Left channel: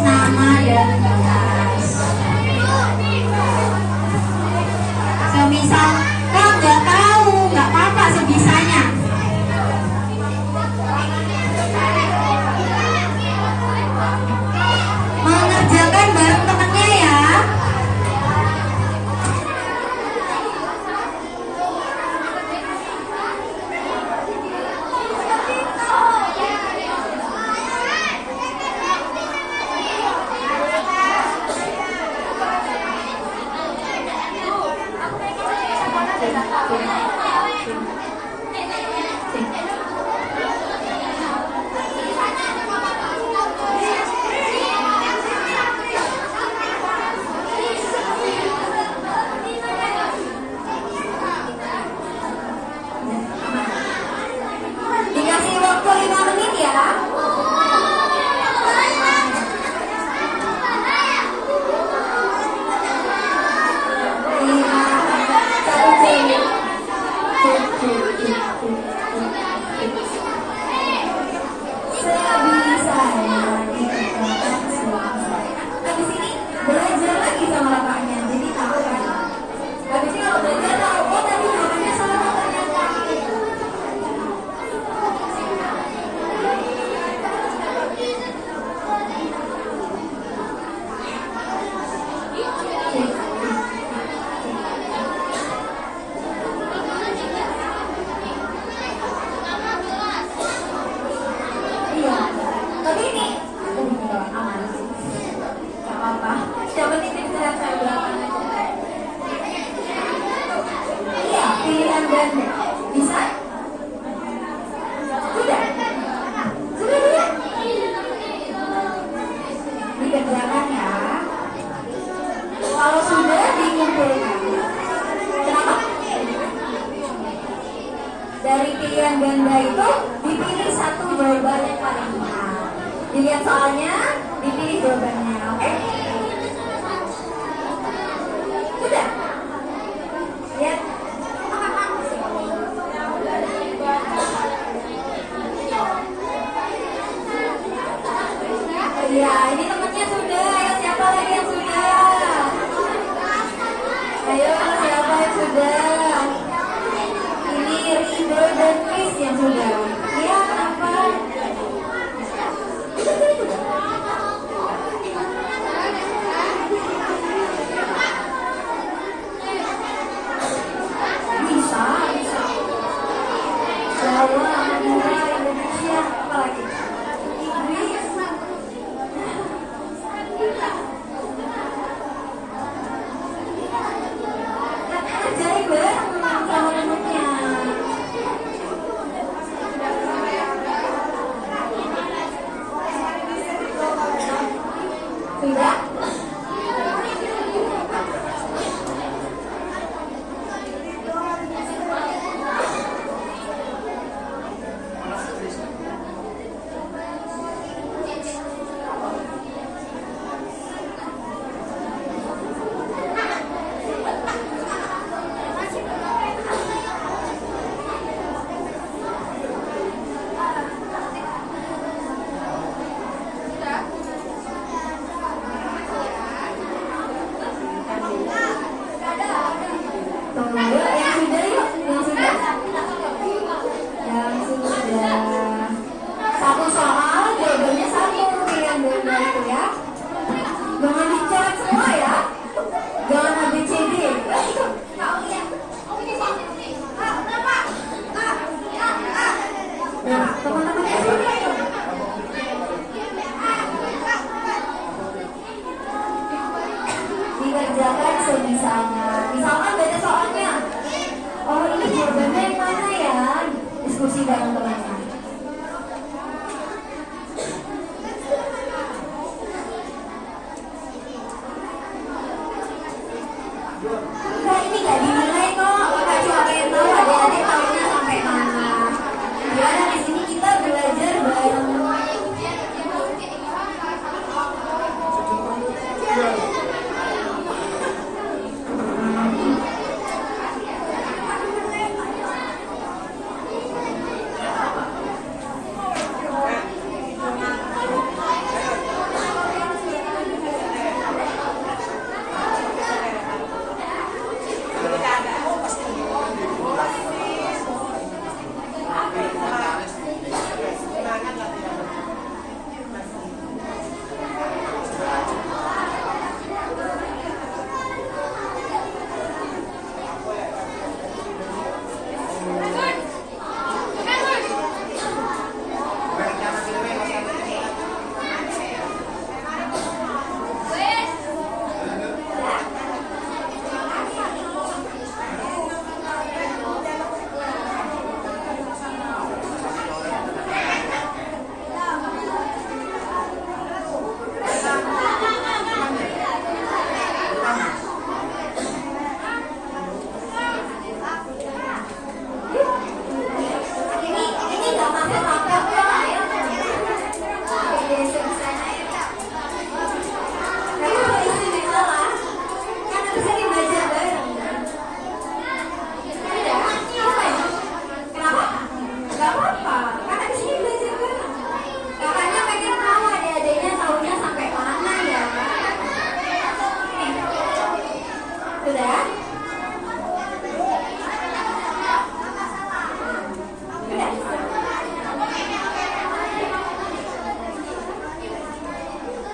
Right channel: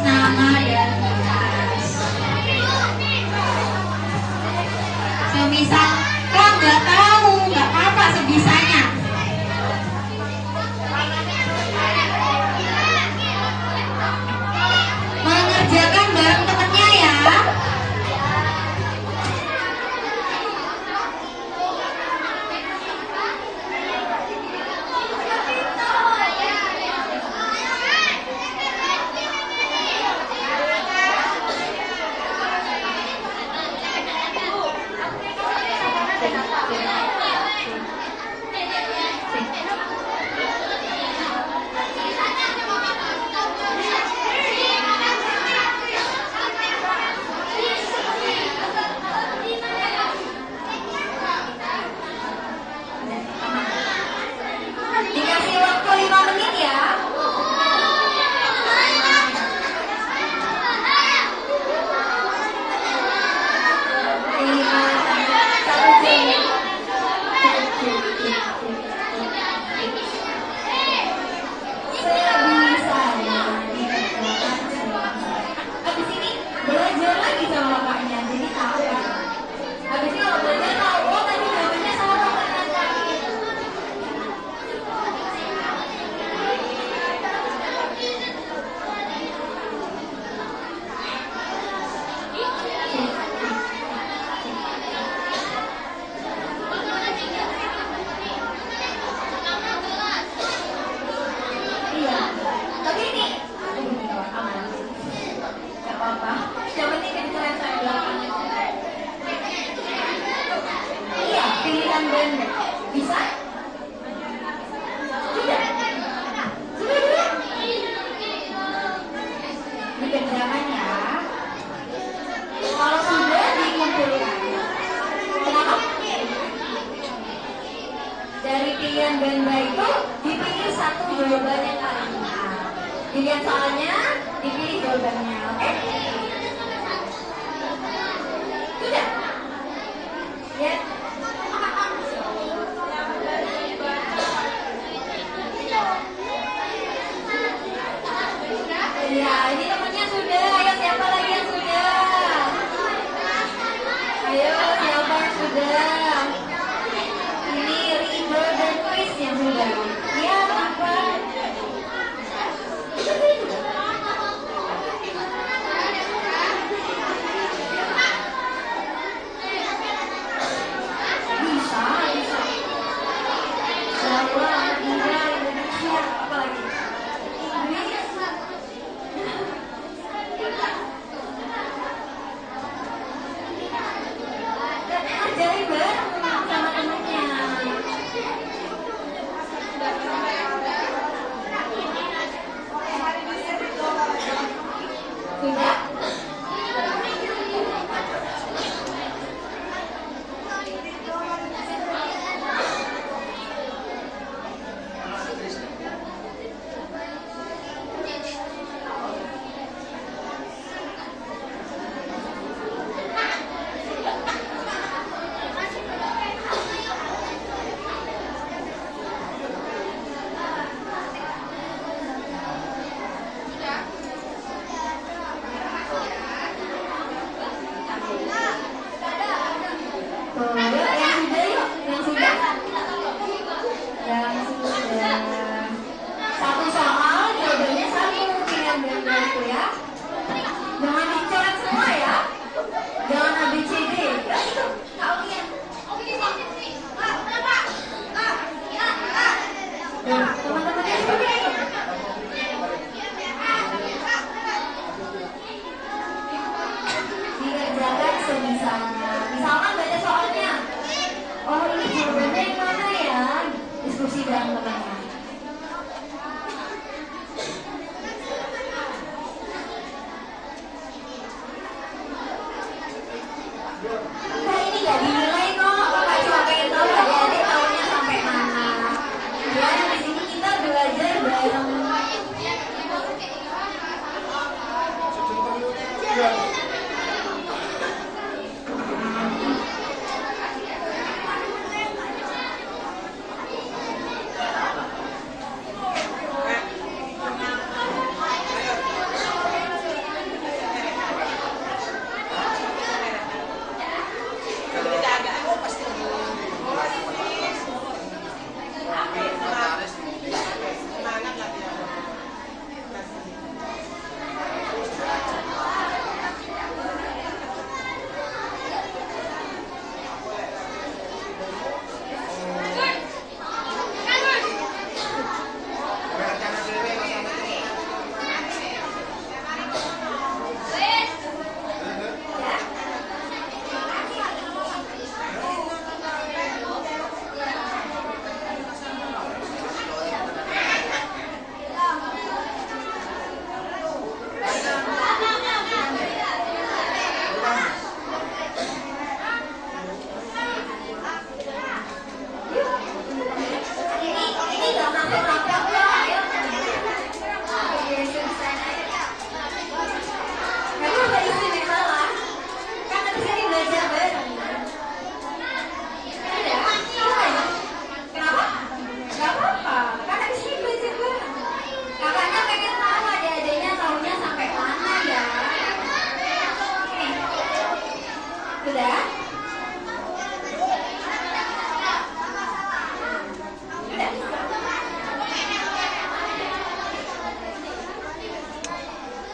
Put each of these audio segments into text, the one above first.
nama dan kelas. Semisal kak nggak tahu, nggak apa-apa sebisanya. Mengerjakan bareng temennya ya. Dikasih waktu 5 menit ya. Sebisanya dikatakan sebisanya. Habis ini belajar lagi sama kakaknya, jadi tahu kan. Habis ini kalau belajar tahu, oh tadi jawabannya sama kakaknya. Iya, tapi ini aman, nggak apa-apa. Yang penting kedengeran saya. Iya, pilihan ganda bisa? Sudah? Sudah dulu? Dikerjakan ya. Kalau sudah dikumpulkan. Kenapa? Dari pilihan ganda itu dipilih satu jawaban yang paling benar. Dilihat soalnya, dipilih jawabannya, oke? Sudah? Ya. Iya, ini temannya sudah. Ayo siapa lagi yang sudah? Ayo siapa yang sudah? Ini Rido dan Chris yang sudah. Iya, kenapa? Bisa, bisa. Jawa, Madura, Indonesia, apa lagi? Inggris. Jadi bareng sama temennya. Sudah? Yang sudah yuk, yang sudah. Yang sudah. Satu soal, jawabannya satu pilihan ganda itu ya. Jangan dicoret semua ya. Jangan ABCD. Nah, teman-temannya sudah yuk. Dikerjakan sebisanya. Misalkan baca soalnya, oh ini jawabannya yang mana ya? Diskusi bareng temannya. Enggak, ini gak dinilai kok. Kakak cuma pengen tahu adik-adik tahunya sampai mana. Biar di sini kita belajar bareng.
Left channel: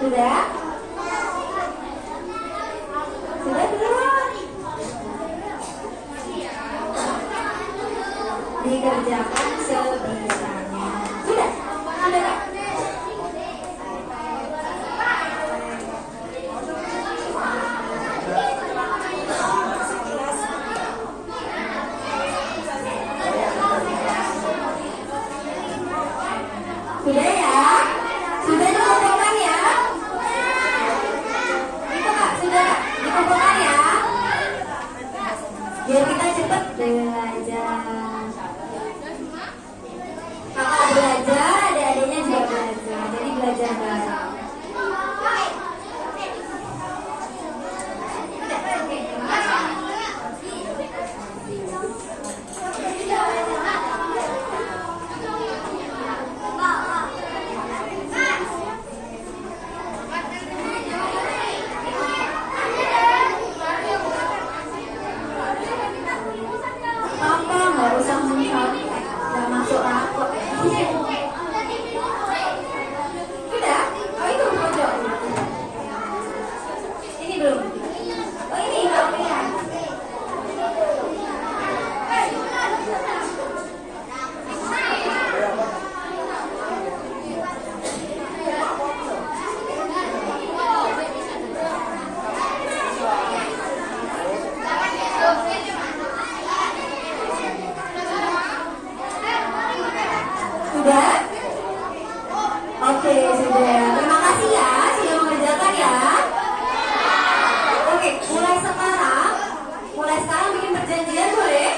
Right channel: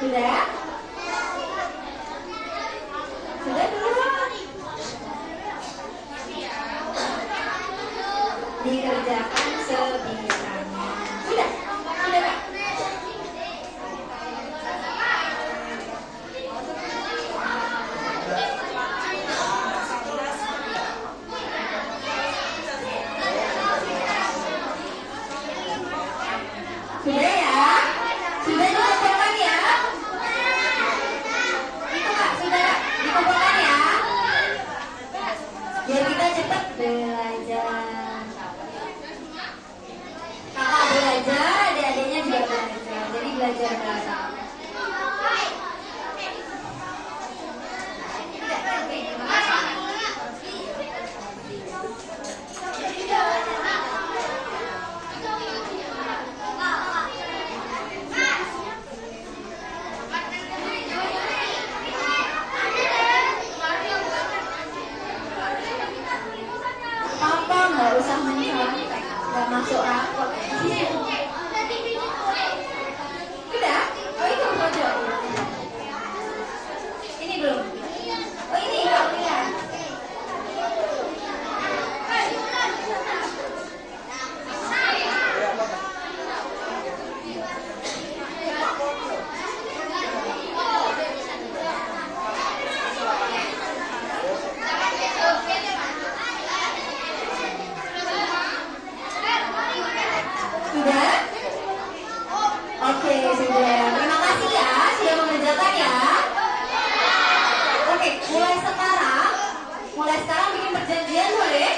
Sudah? Sudah belum? Dikerjakan sebisanya. Sudah? Sudah Kak? Sudah ya? Sudah dikumpulkan ya? Itu Kak, sudah Kak? Dikumpulkan ya? Biar kita cepat belajar. Kakak belajar, adik-adiknya juga belajar. Jadi belajar bareng. Papa nggak usah mencari, nggak masuk rapot. Udah? Oh itu pojok. Ini belum. Oh ini belum ya. Sudah? Oke, sudah. Terima kasih ya sudah mengerjakan ya. Oke, mulai sekarang bikin perjanjian boleh?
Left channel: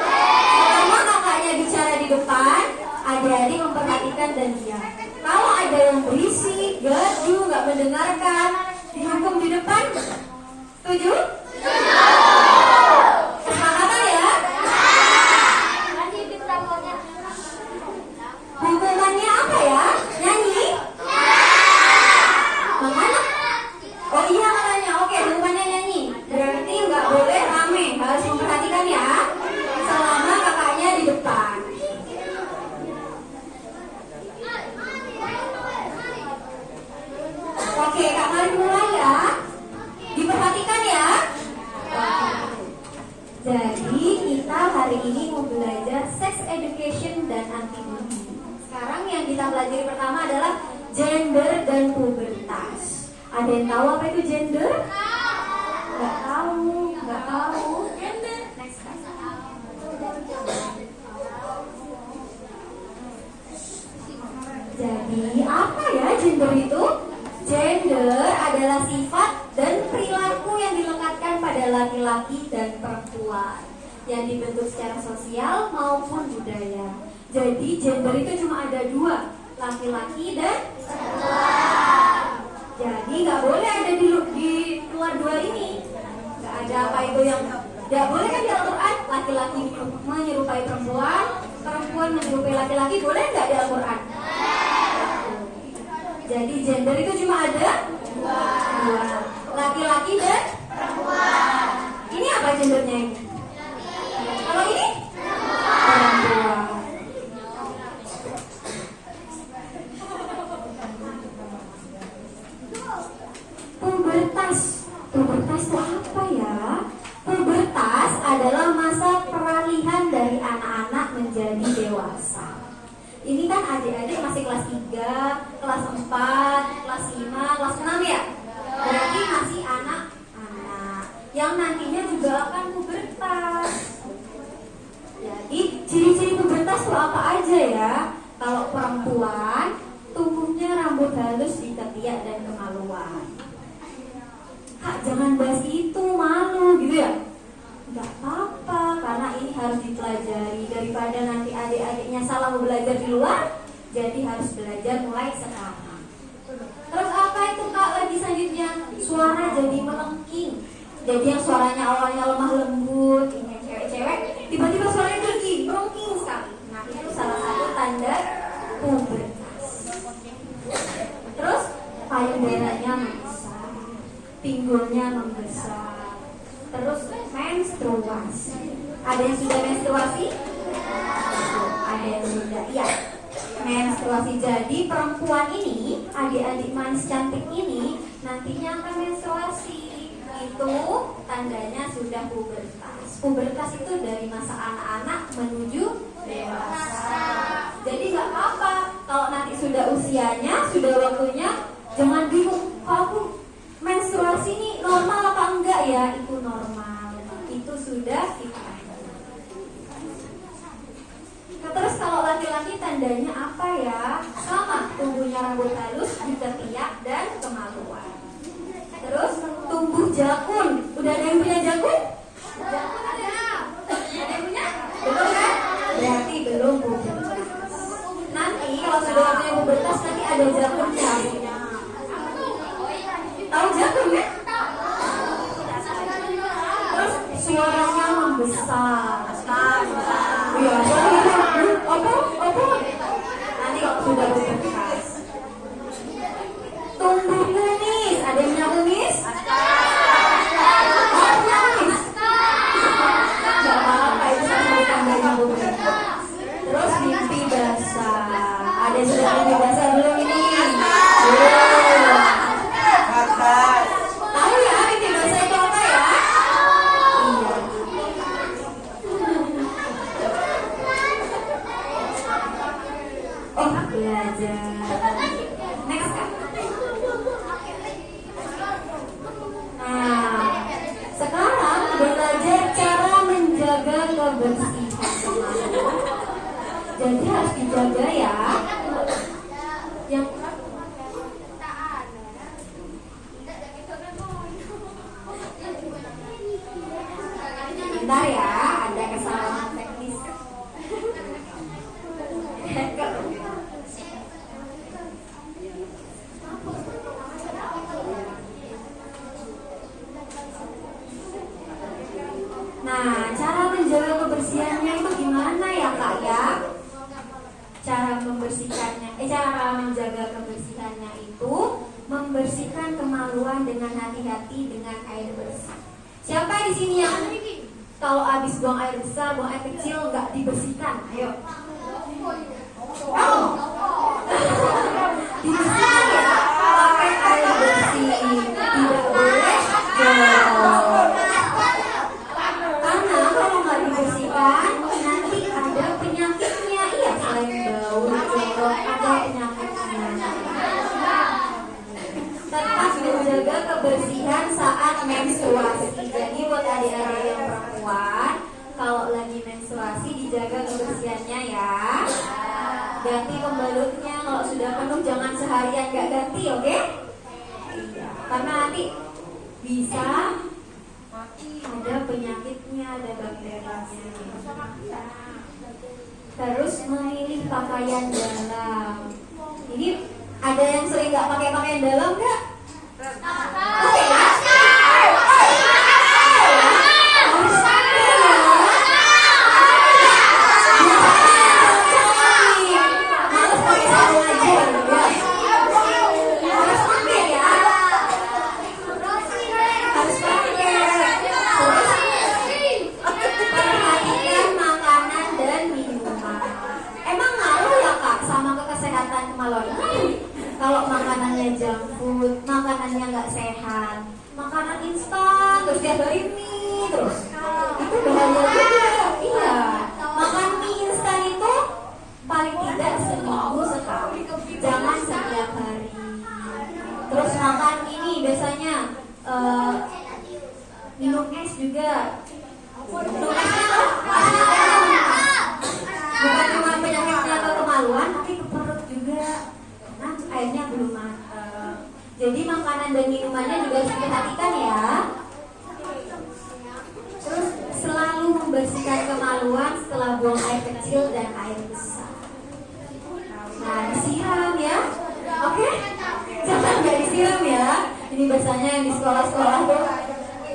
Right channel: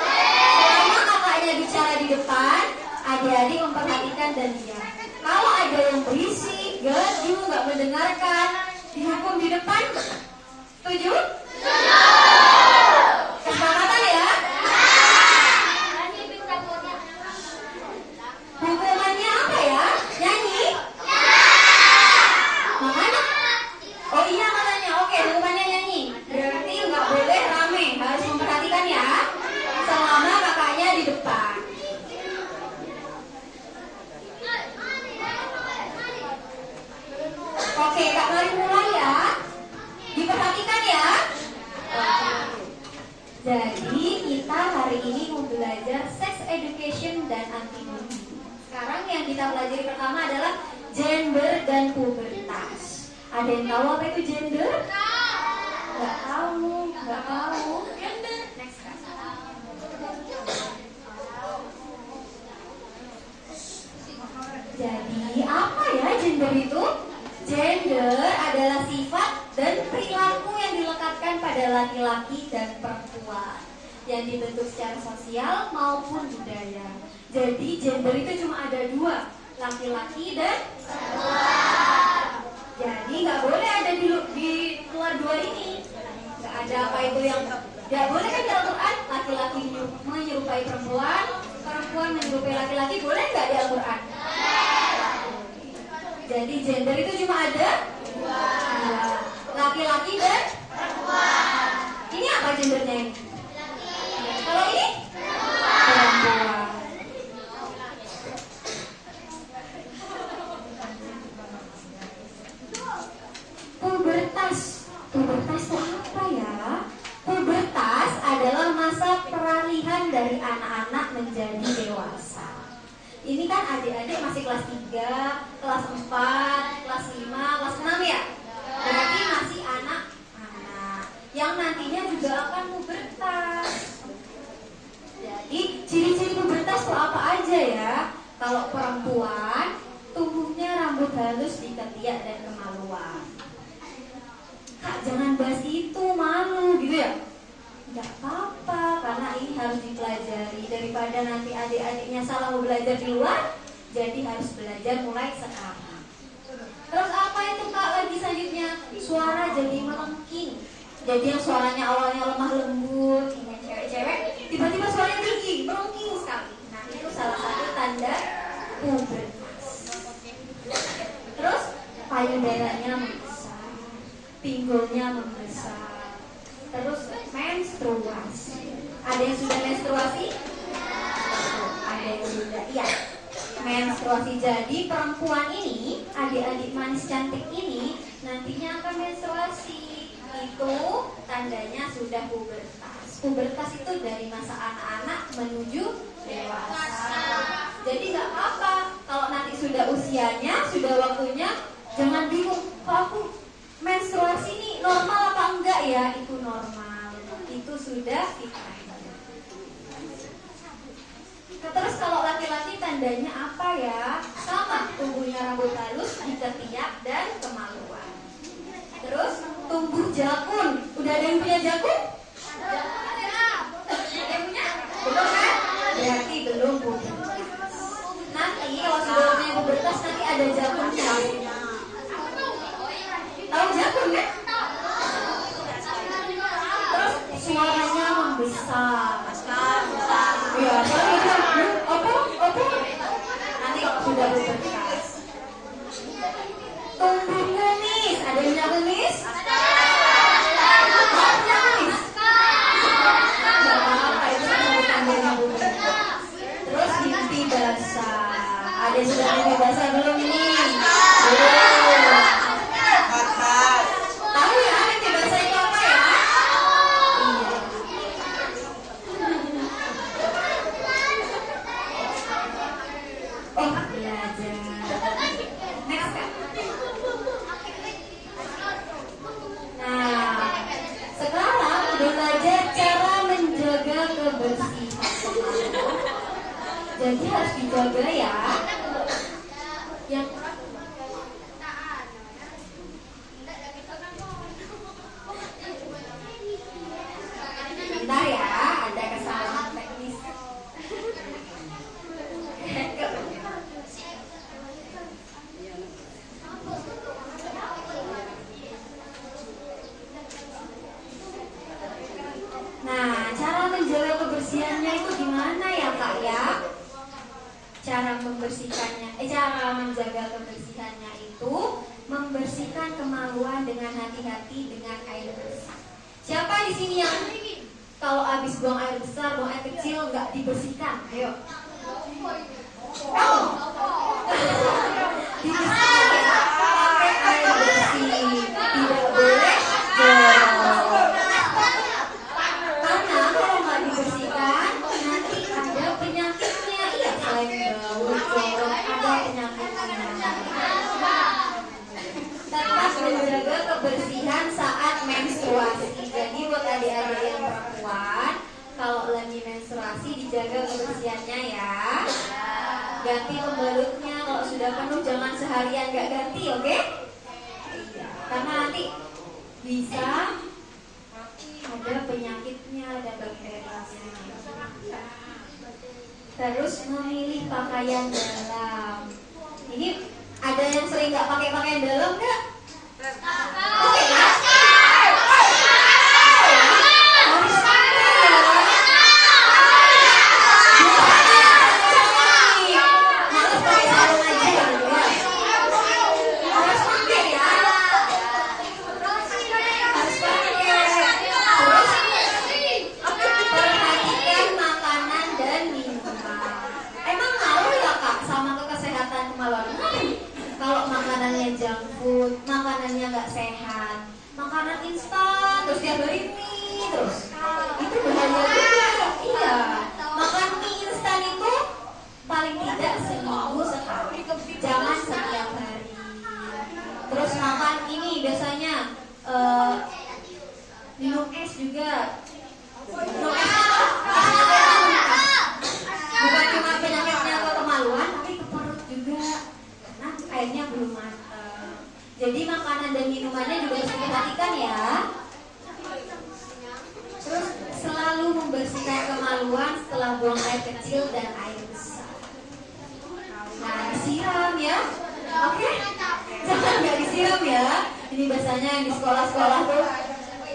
Selama kakaknya bicara di depan, adik-adik memperhatikan dan diam. Kalau ada yang berisik, gaduh, nggak mendengarkan, dihukum di depan. Setuju? Kesepakatan ya? Hukumannya apa ya? Nyanyi? Makanya? Oh iya makanya. Oke, hukumannya nyanyi. Berarti nggak boleh rame. Harus memperhatikan ya. Selama kakaknya di depan. Oke, Kak mari mulai ya. Diperhatikan ya. Jadi kita hari ini mau belajar sex education dan anti-bullying. Sekarang yang kita pelajari pertama adalah gender dan pubertas. Ada yang tahu apa itu gender? Nggak tahu. Next class. Jadi apa ya gender itu? Gender adalah sifat dan perilaku yang dilekatkan pada laki-laki dan perempuan yang dibentuk secara sosial maupun budaya. Jadi gender itu cuma ada dua, laki-laki dan perempuan. Jadi nggak boleh ada di luar dua ini. Nggak ada apa itu yang nggak boleh kan di Al-Quran laki-laki menyerupai perempuan, perempuan menyerupai laki-laki, boleh nggak di Al-Quran? Jadi gender itu cuma ada dua, laki-laki dan perempuan. Ini apa gendernya ini? Kalau ini? Perempuan. Pubertas itu apa ya? Pubertas adalah masa peralihan dari anak-anak menjadi dewasa. Ini kan adik-adik masih kelas 3, kelas 4, kelas 5, kelas 6 ya? Berarti masih anak-anak yang nantinya juga akan pubertas. Jadi ciri-ciri pubertas itu apa aja ya? Kalau perempuan, tumbuhnya rambut halus di ketiak dan kemaluan. Kak jangan bahas itu, malu gitu ya? Gak apa-apa, karena ini harus dipelajari. Daripada nanti adik-adiknya salah mau belajar di luar, jadi harus belajar mulai sekarang. Terus apa itu Kak lagi selanjutnya? Suara jadi melengking. Jadi yang suaranya awalnya lemah lembut, ini cewek-cewek, tiba-tiba suaranya tinggi, melengking sekali. Nah itu salah satu tanda pubertas. Terus payudaranya membesar, pinggulnya membesar. Terus menstruasi. Ada yang sudah menstruasi? Ada yang sudah. Iya. Menstruasi. Jadi perempuan ini adik-adik manis cantik ini nantinya akan menstruasi. Itu tandanya sudah pubertas. Pubertas itu dari masa anak-anak menuju dewasa. Jadi nggak apa-apa kalau nanti sudah usianya, sudah waktunya, jangan bingung. Kalau aku menstruasi ini normal apa enggak ya? Itu normal. Itu sudah fitrah. Terus kalau laki-laki tandanya apa ya? Sama, tumbuhnya rambut halus di ketiak dan kemaluan. Terus tumbuh jakun. Udah ada yang punya jakun? Jakun ada. Ada yang punya? Belum kan? Berarti belum pubertas. Nanti kalau sudah punya pubertas nanti ada jakunnya. Tahu jakun kan? Terus suaranya membesar. Ya, apa? Nanti kalau sudah pubertas. Tumbuh kumis. Ada yang punya kumis? Gak apa-apa, itu sama tandanya pubertas. Terus mimpi basah. Ada yang sudah mimpi basah belum ini? Belum. Tahu ya mimpi basah itu apa ya? Iya. Oh, belajar. Next kan? Nah, sekarang belajar cara menjaga kebersihan. Jadi harus dijaga ya. Yang bentar ya, ada kesalahan teknis. Nah, cara menjaga kebersihannya itu gimana ya Kak ya? Cara menjaga kebersihannya itu membersihkan kemaluan dengan hati-hati dengan air bersih. Siapa di sini yang kalau habis buang air besar, buang air kecil nggak dibersihkan? Ayo. Kamu? Dibersihkan ya, pakai air bersih. Tidak boleh jorok. Karena kalau nggak dibersihkan, nanti ada penyakitnya. Iya, selain bau, jorok, ada penyakitnya. Tetap menjaga kebersihan saat menstruasi. Jadi buat adik-adik yang perempuan, kalau lagi menstruasi dijaga kebersihannya ya. Ganti pembalutnya, kalau sudah penuh jangan seharian nggak ganti, oke? Iya, karena nanti bisa ada penyakitnya, ada bakterianya. Terus memilih pakaian dalam. Ini ada yang sering nggak pakai pakaian dalam nggak? Oke ya. Harus pakai ya. Harus pakai sarung aja ya. Harus pakai ya. Harus pakai. Terus perhatikan makanan dan minuman. Emang ngaruh ya Kak sama kesehatan kemaluan? Kalau makanannya junk food, makanannya nggak sehat, makanan instan, terus tiap hari mie terus, itu bahaya juga. Iya, makan mie instan itu paling tidak seminggu sekali, jangan setiap hari. Terus makan ini biasanya minum es juga. Minum es itu bukan cuma penyakitnya ke kemaluan, tapi ke perut juga. Nah, airnya belum matang. Jadi makanan dan minumannya juga harus diperhatikan ya. Terus selalu membersihkan kemaluan setelah buang air kecil dan air besar. Nah, disiram ya. Oke? Jangan nggak disiram ya. Ini biasanya yang di sekolah-sekolah tuh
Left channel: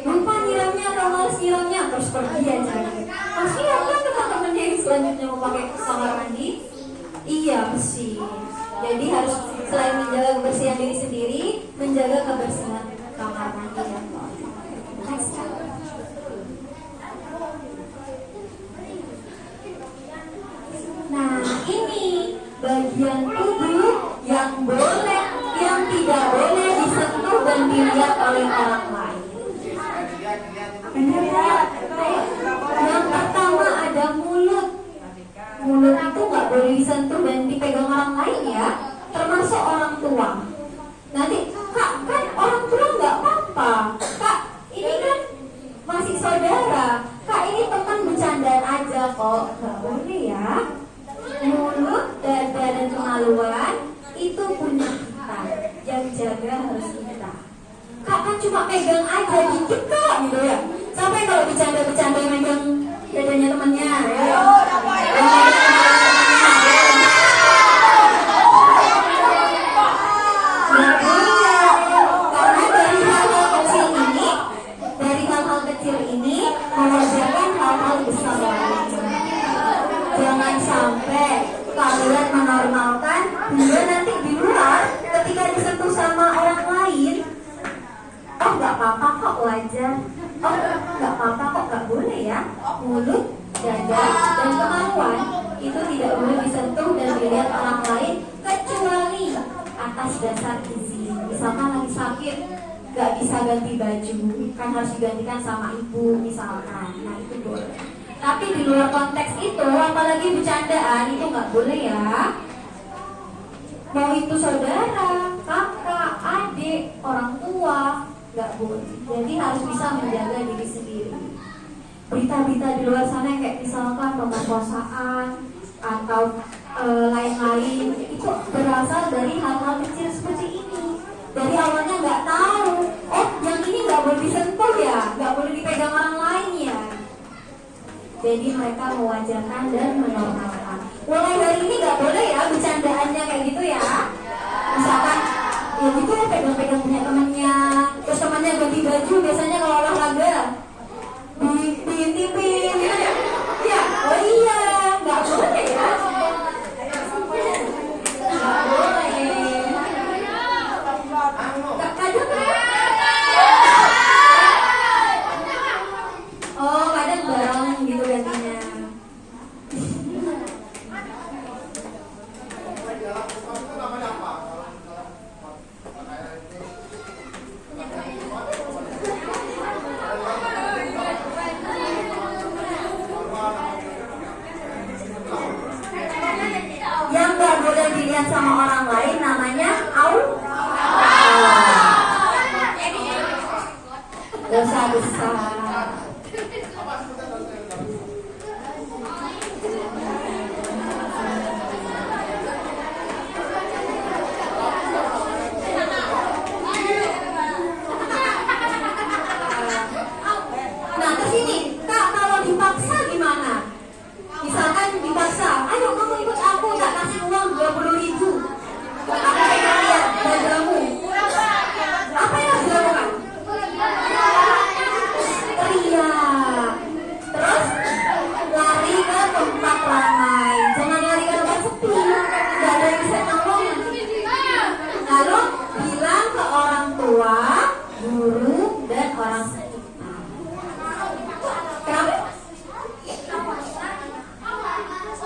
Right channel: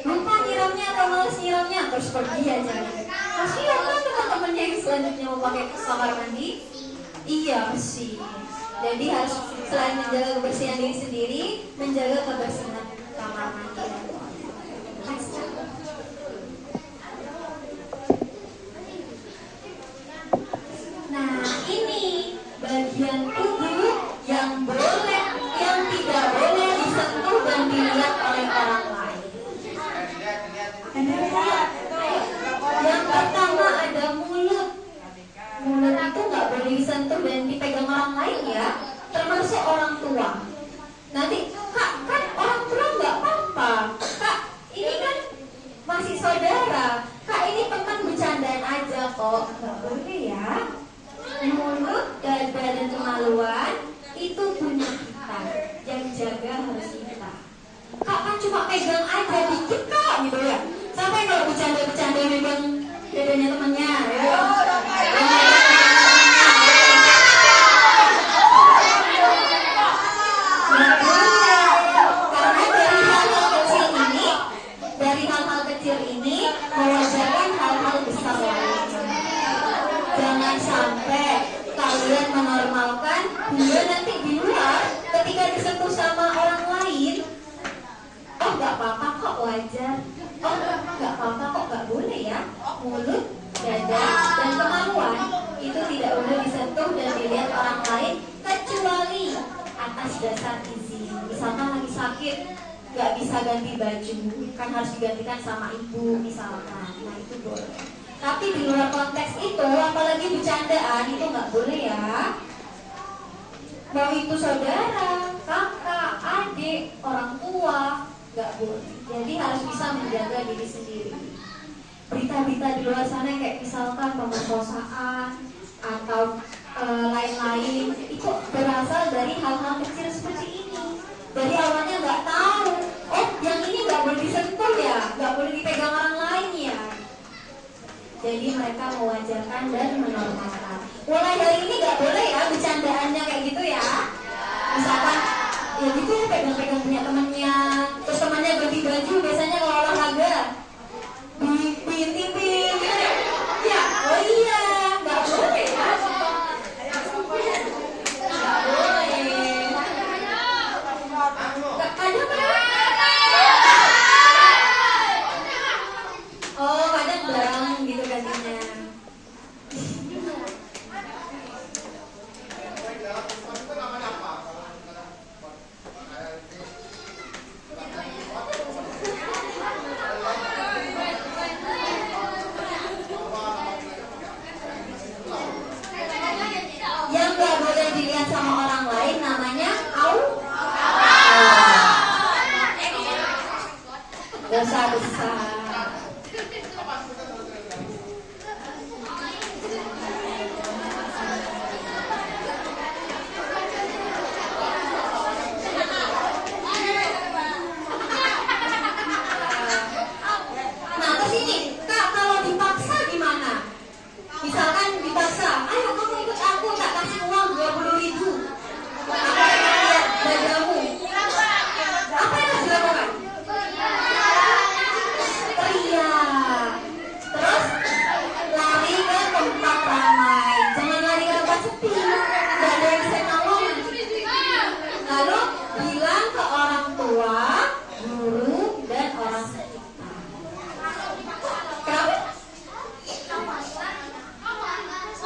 lupa nyiramnya atau males nyiramnya, terus pergi aja. Kasihan kan teman-temannya yang selanjutnya mau pakai kamar mandi. Iya, bersih. Jadi harus selain menjaga kebersihan diri sendiri, menjaga kebersihan kamar mandi dan toilet. Nah, ini bagian tubuh yang boleh dilihat oleh orang lain. Yang pertama ada mulut. Mulut itu nggak boleh disentuh dan dipegang orang lain ya, termasuk orang tua. Nanti kak kan orang tua nggak apa-apa, kak ini kan masih saudara, kak ini teman bercandaan aja kok, nggak boleh ya. Mulut, dada dan kemaluan itu punya kita, yang jaga harus kita. Kak kan cuma pegang aja dikit kak gitu ya. Sampai kalau bercanda-bercanda megang dadanya temennya ya. Kecil ini mengajarkan hal-hal besar lainnya. Jangan sampai kalian menormalkan hingga nanti di luar ketika disentuh sama orang lain, oh nggak apa-apa kok, wajar. Oh nggak apa-apa kok, nggak boleh ya. Mulut, dada, dan kemaluan itu tidak boleh disentuh dan dilihat orang lain kecuali atas dasar izin. Misalkan lagi sakit, nggak bisa ganti baju, kan harus digantikan sama ibu misalkan, nah itu boleh. Tapi di luar konteks itu, apalagi bercandaan itu nggak boleh ya. Mau itu saudara, kakak, adik, orang tua, nggak boleh. Jadi harus bisa menjaga diri sendiri. Berita-berita di luar sana kayak misalkan pemerkosaan atau lain-lain itu berasal dari hal-hal kecil seperti ini. Dari awalnya nggak tahu, oh yang ini nggak boleh disentuh ya, nggak boleh dipegang orang lain ya. Jadi mereka mewajarkan dan menormalkan. Mulai dari ini nggak boleh ya bercandaannya kayak gitu ya. Misalkan ya gitu pegang-pegang punya temannya, terus temannya ganti baju biasanya kalau olahraga diintipin ya. Oh iya nggak boleh ya. Oh kadang bareng gitu gantinya. Yang nggak boleh dilihat sama orang lain namanya dosa besar. Nah terus ini kak, kalau dipaksa gimana? Misalkan dipaksa, ayo kamu ikut aku, tak kasih uang 20.000. Apa yang lihat bajumu? Apa yang harus dilakukan? Teriak. Terus lari ke tempat ramai. Jangan lari ke tempat sepi, nggak ada yang bisa nolong. Lalu bilang ke orang tua, guru, dan orang sekitar. Kenapa?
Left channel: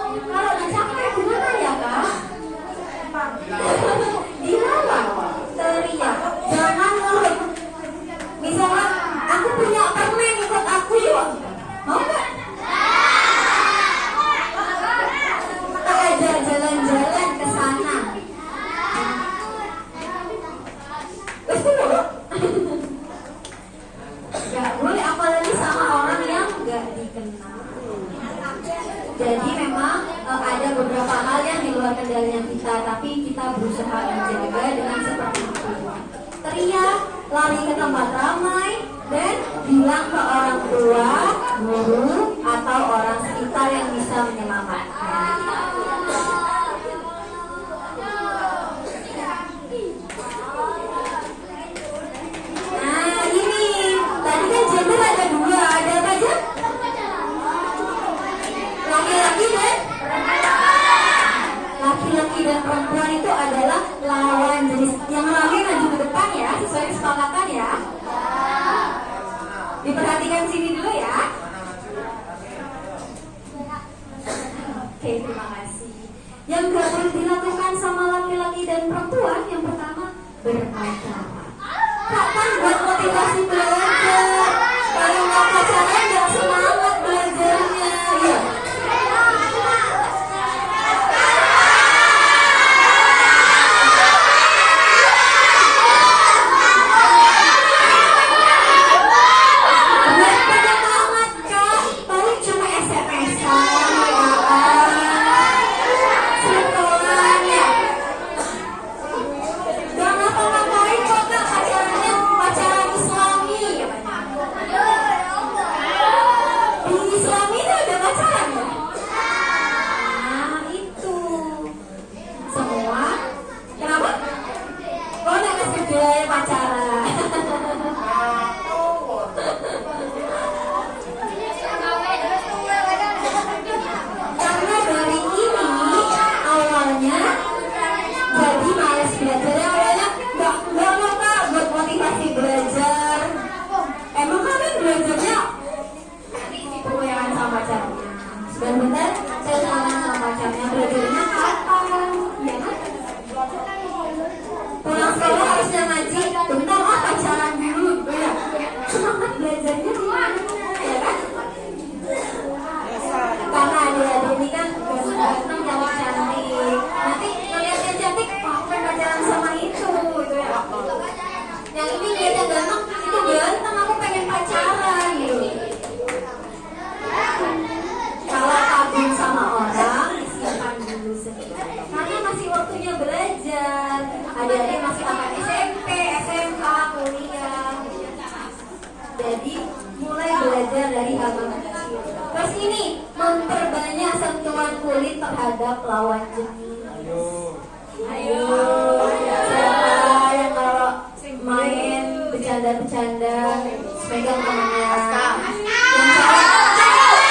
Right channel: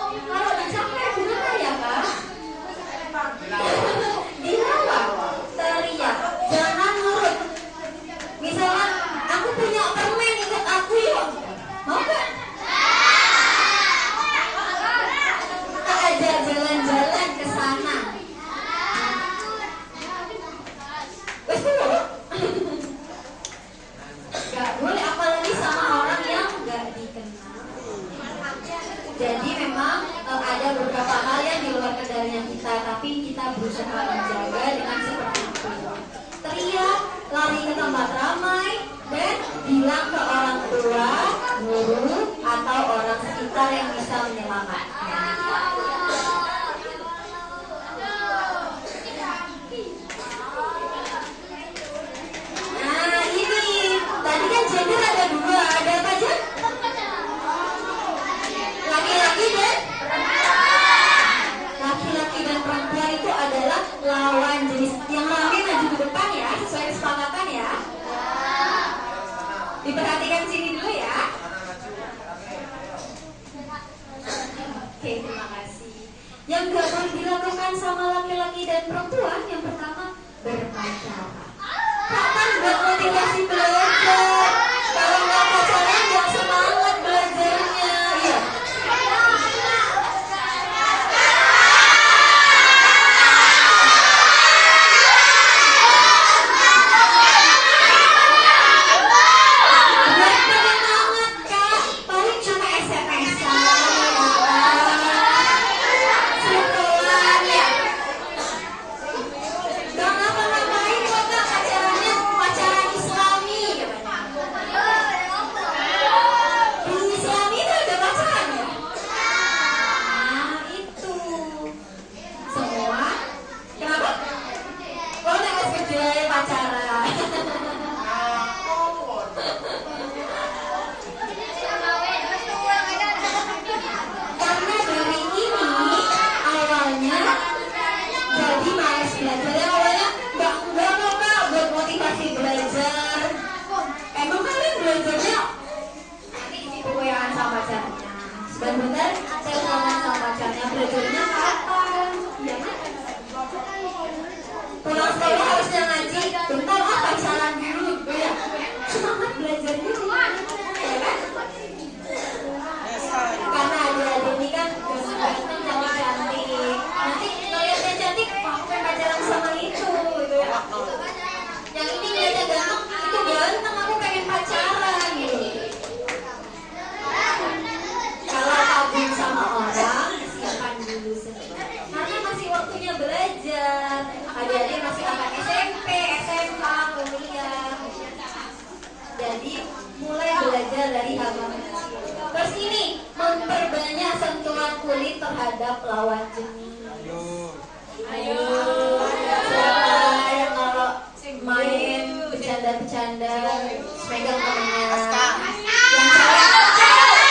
Kalau udah capek gimana ya kak? Dilawan, teriak, jangan nurut. Misalkan aku punya permen, ikut aku yuk. Mau gak? Kita ajak jalan-jalan ke sana. Wes dulu. Gak boleh, apalagi sama orang yang gak dikenal. Jadi memang ada beberapa hal yang di luar kendalinya kita, tapi kita berusaha menjaga dengan seperti itu. Teriak, lari ke tempat ramai, dan bilang ke orang tua, guru, atau orang sekitar yang bisa menyelamatkan. Nah ini, tadi kan gender ada dua, ada apa aja? Laki-laki dan perempuan itu adalah lawan jenis. Yang laki maju ke depan ya, sesuai kesepakatan ya. Diperhatikan sini dulu ya. Oke, terima kasih. Yang gak boleh dilakukan sama laki-laki dan perempuan, yang pertama berpacaran. Kan buat motivasi belajar. Kalau nggak pacaran nggak semangat belajarnya. Iya. Buat penyemangat Kak. Paling cuma SMS-an ya. Sekolah ya. Gak ngapa-ngapain kok Kak, pacarannya pacaran Islami. Di Islami itu ada pacaran ya? Nah itu semua. Kenapa? Oh nek gede pacaran. Karena dari ini awalnya jadi males belajar ya, awalnya nggak mau Kak buat motivasi belajar. Emang kalian belajarnya nanti kepoyaan sama pacarnya. Sebentar saya tanya sama pacarnya belajarnya kapan? Ya kan? Pulang sekolah harusnya ngaji. Bentar pacaran dulu gitu ya. Semangat belajarnya gimana? Ya kan? Karena adik-adik ini kan ganteng dan cantik. Nanti ngeliatnya cantik, pengen pacaran sama itu gitu ya. Yang ini ngeliatnya ganteng, itu ganteng, aku pengen pacaran gitu. Kalau kagum sama orang, disimpan dulu sendiri. Karena masih waktunya belajar. Adik-adik masih akan SMP, SMA, kuliah. Jadi mulai belajar dari hal kecil. Terus ini memperbanyak sentuhan kulit terhadap lawan jenis. Ayo, siapa yang kalau main bercanda-bercanda pegang temennya? Yang cewek.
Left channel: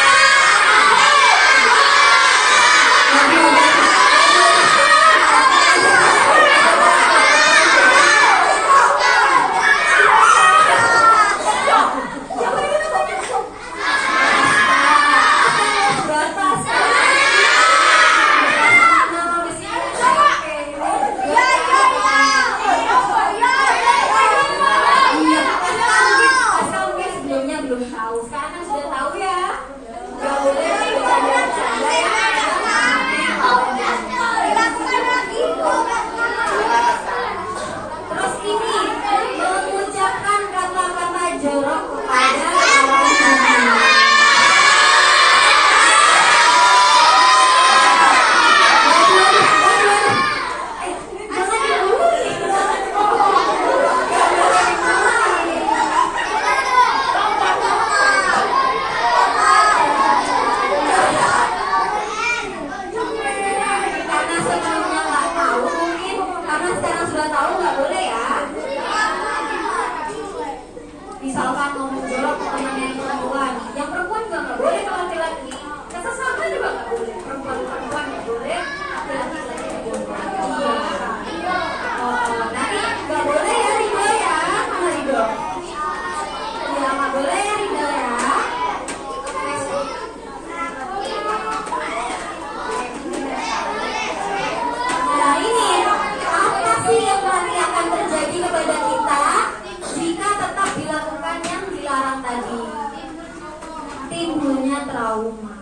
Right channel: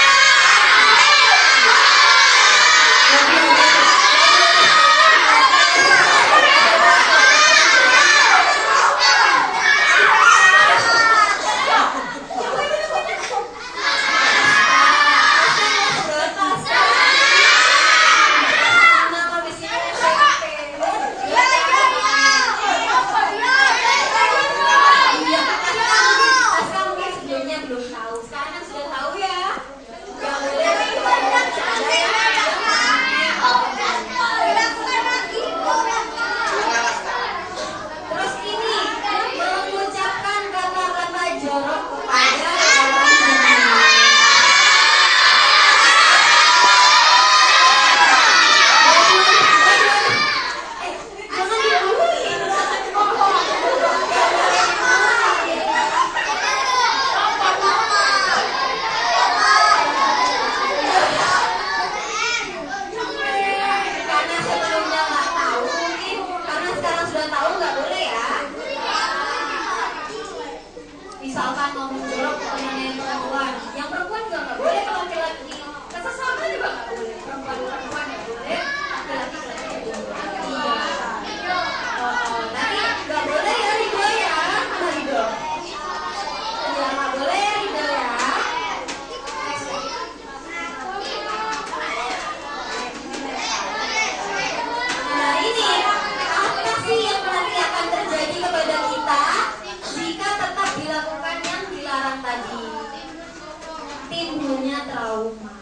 Terus ini mengucapkan kata-kata jorok kepada lawan jenis. Karena sebelumnya nggak tahu, mungkin karena sekarang sudah tahu nggak boleh ya. Misalkan ngomong jorok ke teman yang perempuan juga nggak boleh, ke laki-laki, ke sesama juga nggak boleh, perempuan nggak boleh, laki-laki juga boleh. Iya. Nanti nggak boleh ya Ridho ya, mana Ridho? Ya nggak boleh ya Ridho ya. Nah ini apa sih yang nanti akan terjadi kepada kita jika tetap dilakukan yang dilarang tadi? Timbulnya trauma.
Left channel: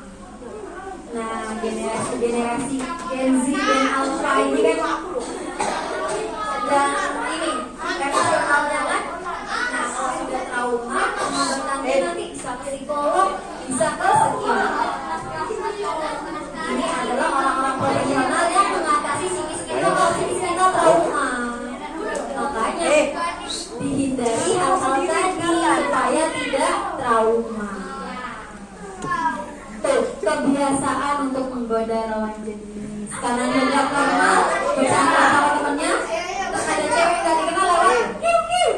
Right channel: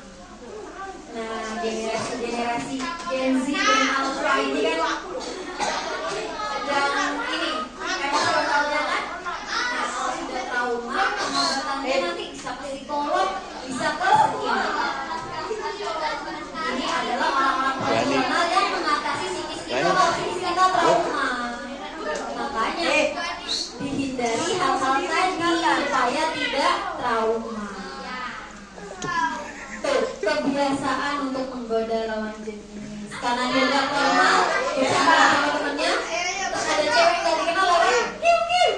Nah generasi Gen Z dan Alpha ini kan sedang ini emosionalnya kan. Nah kalau sudah trauma, pengobatannya nanti bisa ke psikolog, bisa ke psikiater. Ini adalah orang-orang profesional yang mengatasi psikis kita kalau psikis kita trauma. Makanya dihindari hal-hal tadi supaya tidak trauma. Tuh, kebiasaan untuk menggoda lawan jenis. Karena dia nggak normal, bercanda sama temennya, terus ada cewek nggak dikenal lawan, kiu kiu.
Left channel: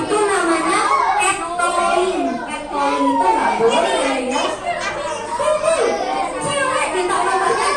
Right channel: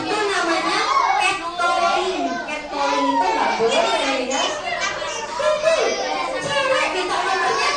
Itu namanya catcalling. Catcalling itu nggak boleh ya. Cewek minta nomornya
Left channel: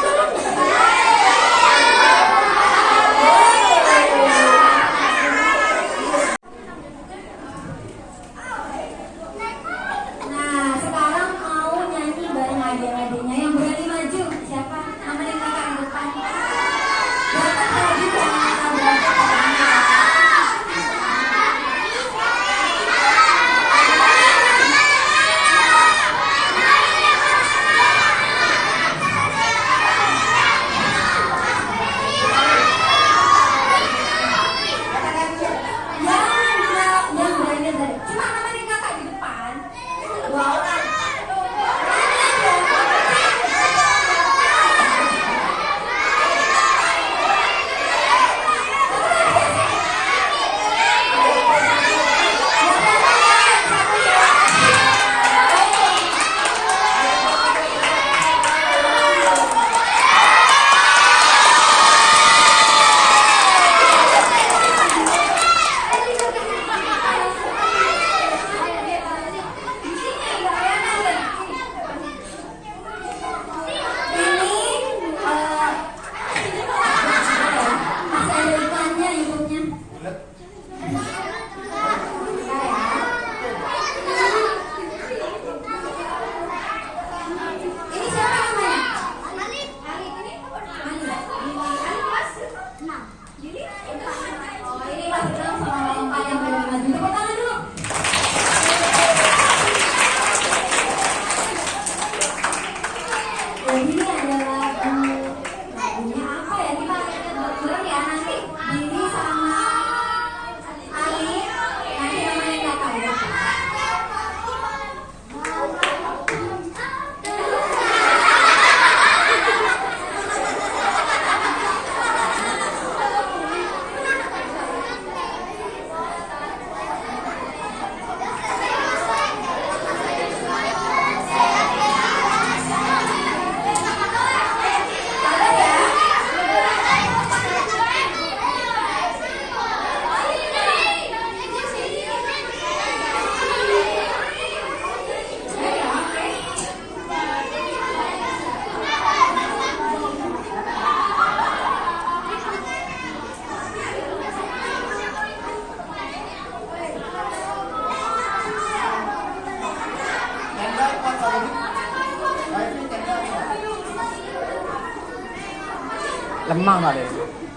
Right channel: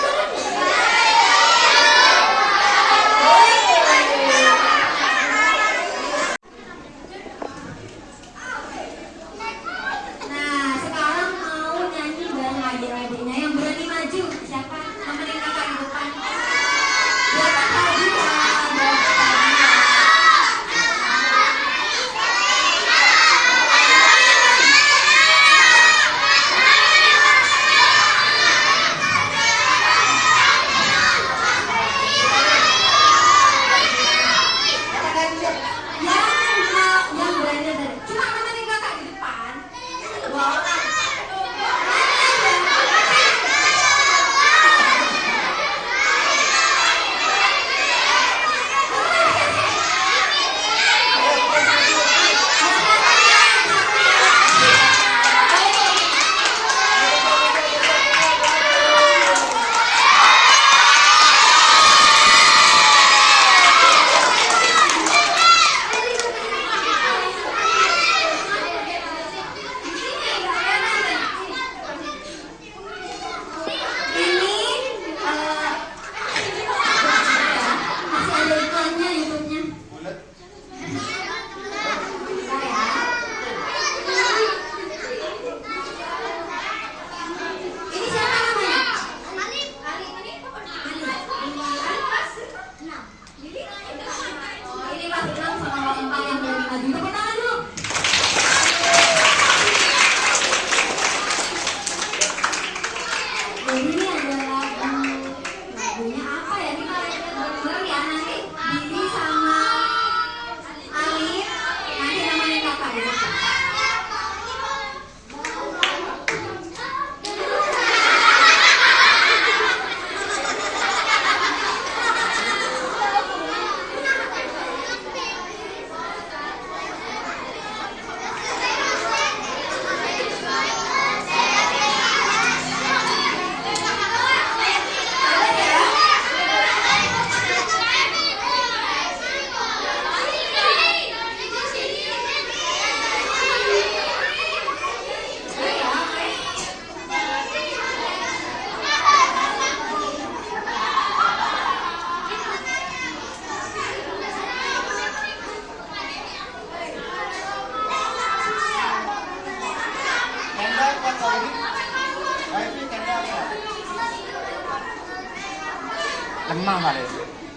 Lemah kali.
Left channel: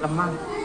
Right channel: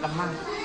Lemah.